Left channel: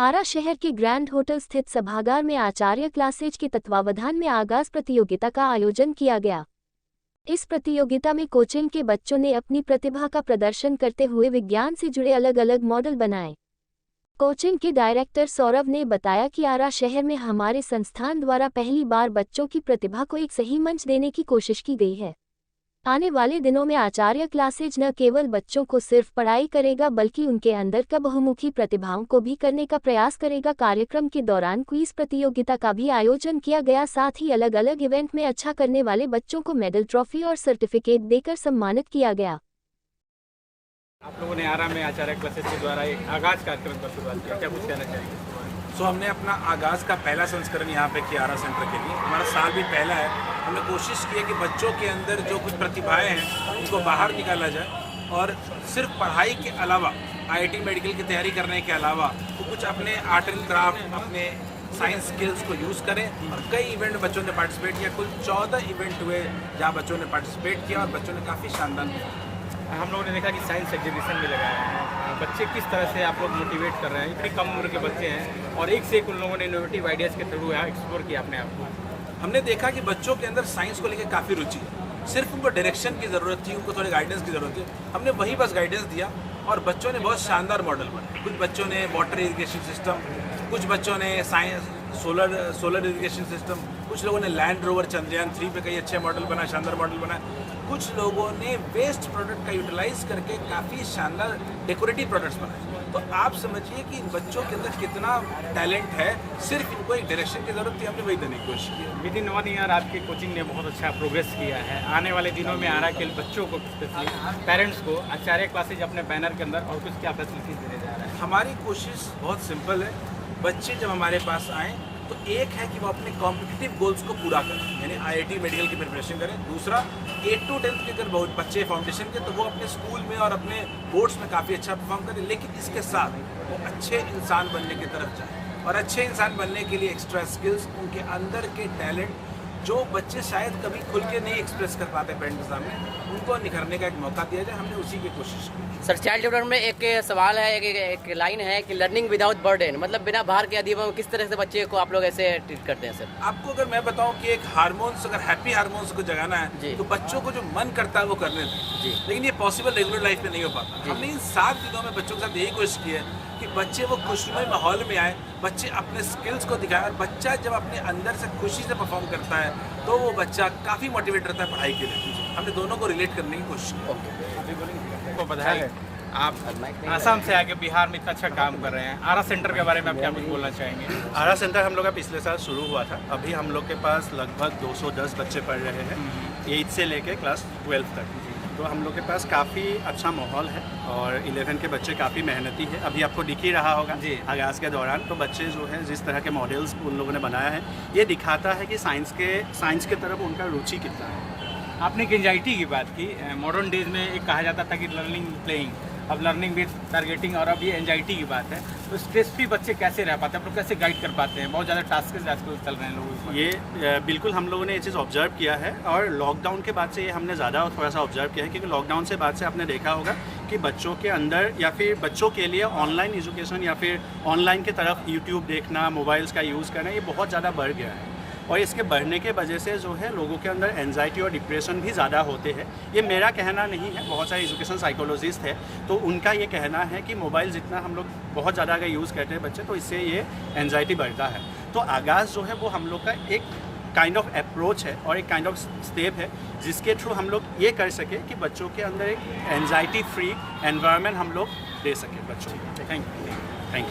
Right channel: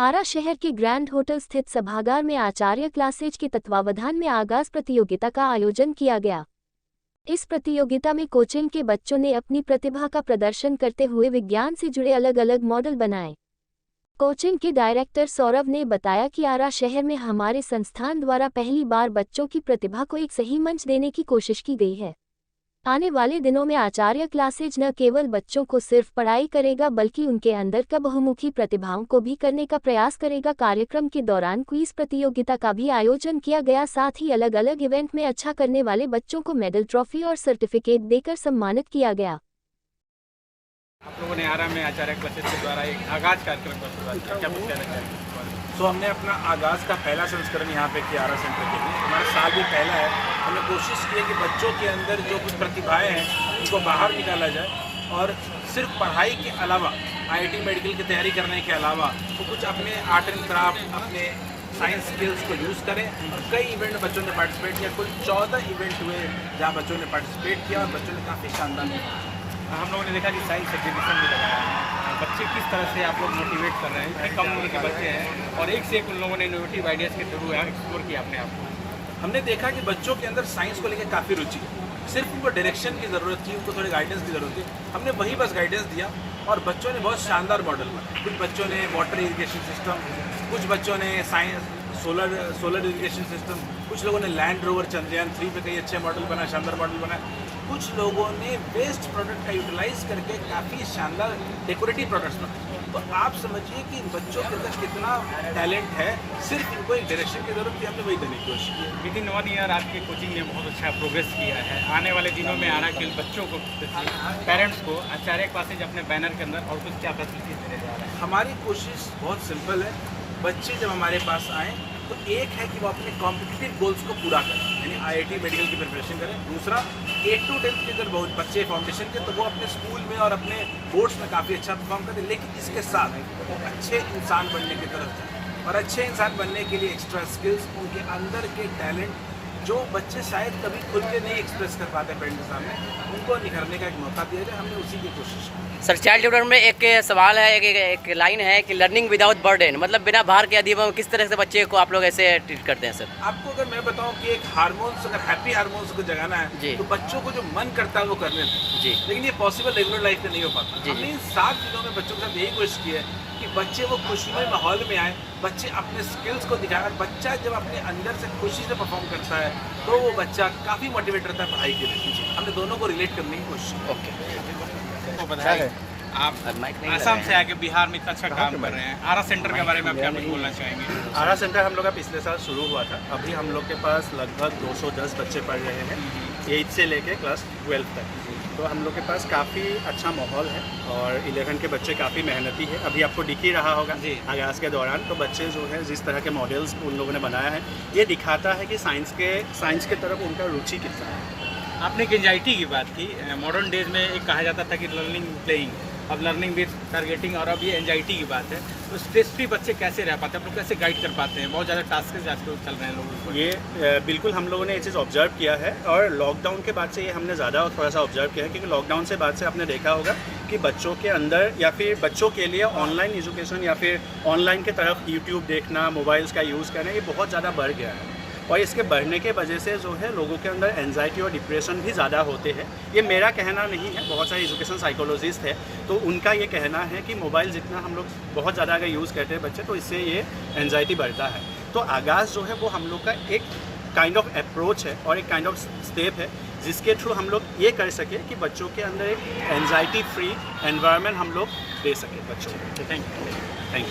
आरा शहर के grand hotel स्थित सभागार में आचार्य क्लासेज के तत्वावधान में आगाज प्रतियोगिता का आयोजन किया गया। इस प्रतियोगिता में कोचिंग के बच्चों ने अपनी प्रतिभा का प्रदर्शन करते हुए विज्ञान से जुड़े अलग अलग मॉडल बनाए। कोचिंग के डायरेक्टर सौरभ ने बताया कि आरा शहर में हमारे संस्थान द्वारा पहली बार बच्चों की प्रतिभा को एक सही मंच देने की कोशिश की गई है। आने वाले दिनों में आचार्य क्लासेज न केवल बच्चों को सिर्फ पढ़ाई करेगा बल्कि उनके अंदर का बहुमुखी प्रतिभाओं को भी करने का प्रयास करेगा। कार्यक्रम के दौरान क्विज प्रतियोगिता का भी आयोजन किया गया। साथ ही अलग अलग इवेंट में अच्छा करने वाले बच्चों को मेडल, ट्रॉफी और सर्टिफिकेट देकर सम्मानित किया गया। आप लोगों ने आरा में आचार्य क्लासेज के द्वारा एक आगाज कार्यक्रम का शुरुआत किया, क्या कुछ कहना चाहेंगे? तो हमने अपना आगाज़ का पहला संस्करण यहाँ पे किया आरा सेंटर के लिए। हमारा साल भी पहला है। हमने कोशिश की है कि बच्चों के अंदर जो कुछ प्रतिभाएं हैं उनको बाहर निकाला जाए और सिर्फ पढ़ाई के अलावा आईआईटी मेडिकल की तैयारी करने के अलावा वो कुछ अपने आर्ट एंड क्राफ्ट, अपने साइंस स्किल्स को यूज़ करें। और कई इवेंट में बच्चों ने पार्टिसिपेट किया। कुल 14 इवेंट हुए जहाँ बच्चों ने पार्टिसिपेट किया और बच्चों ने काफ़ी शानदार किया। हम लोगों ने देखा कि साइंस एग्जीबिशन भी लगाया है। बच्चे किस तरह से आप लोग मोटिवेट कर रहे हैं? इतनी कम उम्र के बच्चे हैं और एक से एक उन लोगों ने इनोवेटिव आइडियाज़ के थ्रू एक्सप्लोर किया अपने आप को। हमने देखा कि बच्चों के अंदर साइंस को लेकर काफ़ी रुचि है। सिर्फ उनको डायरेक्शन की ज़रूरत थी, उनको थोड़ी गाइडेंस की ज़रूरत थी। हमने वही बस गाइडेंस दिया और बच्चों ने बहुत शानदार मॉडल बनाए। कुछ बच्चों ने वाटर इरिगेशन सिस्टम, कुछ बच्चों ने साइंस सोलर इरिगेशन सिस्टम, कुछ लोगों ने लैंड रोवर चंद्रयान 3 पे कई अच्छे मॉडल बनाए, शानदार मॉडल बनाए। कुछ लोगों ने वेस्ट प्रोडक्ट का यूटिलाइज करके काफ़ी शानदार डेकोरेटिव प्रोडक्ट्स बनाए। तो आप समझिए कि इन बच्चों के अंदर कितना टैलेंट है। सिर्फ इनको एक डायरेक्शन की ज़रूरत थी, हमने वही देने की कोशिश की। विद इन 1 ईयर आपकी कोचिंग ने बहुत अच्छा प्रोग्रेस किया है। आने वाले दिनों में आरा के बच्चों को, पेरेंट्स को आचार्य क्लासेज अपने बैनर के अंदर और कुछ क्या फैसिलिटीज देने जा रहा है? हमारी कोशिश बहुत सिंपल है। बच्चे जब हमारे पास आएँ तो एक है कि वो अपने कॉम्पिटिटिव गोल्स को पूरा करें, यानी आईआईटी मेडिकल की प्रिपरेशन करें। दूसरा, 8 to 10 के अगर बहुत बच्चे फाउंडेशन के तो वो अपने स्कूल में और अपने बोर्ड्स में काफ़ी अच्छा परफॉर्म करें। लेकिन इसके साथ वो अच्छे इंसान बनने की तरफ जाए और अच्छे इंसान बनने के लिए एक्स्ट्रा स्किल्स, उनके अंदर के टैलेंट जो बच्चे शायद कभी खुल के नहीं एक्सप्रेस कर पाते पेरेंट्स के सामने, उनको निखरने का एक मौका दिया जाए। हमने उसी की कोशिश की। सर, चाइल्ड डेवलपमेंट में एक सवाल है, एक लाइन है कि लर्निंग विदाउट बर्डन, मतलब बिना भार के अधिगम। किस तरह से बच्चे को आप लोग ऐसे ट्रीट करते हैं? सर, आपको अगर मैं बताऊं कि एक हार्मोन्स, अगर हैप्पी हार्मोन्स को जगाना है तो बच्चों को जो मन करता है वो करने दें जी। लेकिन ये पॉसिबल रेगुलर लाइफ में नहीं हो पाता। हमने इन 7 दिनों में बच्चों के साथ यही कोशिश की है कि बच्चे वो खुशनुमा माहौल में आए, बच्चे अपने स्किल्स को दिखाएं। और बच्चा जब अपने अंदर से खुशी से परफॉर्म करता है तो वो बच्चा काफ़ी मोटिवेट रहता है पढ़ाई के लिए। हमने दोनों को रिलेट करने की कोशिश की। ओके, बधाई। आप आसाम से आके बिहार में इतना अच्छा काम कर रहे हैं। आरा सेंटर के बारे में आप क्या कुछ बोलना चाहेंगे? आरा सेंटर हम लोग का पिछले साल शुरू हुआ था। अभी हम लोग के पास लगभग 210 बच्चे पढ़ रहे हैं, 8 से लेके क्लास 12 तक। तो हम लोग के पास काफ़ी अच्छा माहौल है और 11 के बच्चे काफ़ी मेहनती है। अभी आपको दिख ही रहा होगा आगाज़ के दौरान। तो बच्चे जो है जिस तरह के मॉडल्स उन लोगों ने बनाया है, ये दिखाता है कि साइंस के तरफ उनका रुचि कितना है। आपने एक एंजाइटी की बात की। मॉडर्न डेज में एक कहा जाता था कि लर्निंग प्लेइंग, अब लर्निंग विद टारगेटिंग, और अब ये एंजाइटी की बात है। तो स्ट्रेस फ्री बच्चे कैसे रह पाते हैं? आप लोग कैसे गाइड कर पाते हैं? बहुत ज़्यादा टास्क आजकल चल रहे हैं लोगों को। ये बिल्कुल हम लोगों ने ये चीज़ ऑब्जर्व किया है और लॉकडाउन के बाद से ये हमने ज़्यादा थोड़ा सा ऑब्जर्व किया है। क्योंकि लॉकडाउन से बाद से आपने देखा होगा कि बच्चों के अंदर या फिर बच्चों के लिए ऑनलाइन एजुकेशन या फिर ऑनलाइन की तरफ यूट्यूब देखना, मोबाइल्स का यूज़ करना, ये बहुत ज़्यादा बढ़ गया है। और इसके बढ़ने के वजह से जो है लोगों के अंदर एंजाइटी और डिप्रेशन भी ज़्यादा होते हैं। ये मेरा कहना नहीं है, बहुत सारे एजुकेशन साइकोलॉजिस्ट हैं तो उनका ये कहना है कि मोबाइल जितना हम लोग बहुत ज़्यादा अगर यूज़ करते हैं बच्चे, तो इससे ये एंजाइटी बढ़ता है। तो आगाज़ जो है वो हम लोग का एक काइंड ऑफ अप्रोच है और एक काइंड ऑफ स्टेप है जिसके थ्रू हम लोग ये कर सके कि बच्चों के अंदर एक एंजाइटी फ्री एनवायरनमेंट हम लोग दे सकें बच्चों को। Thank you.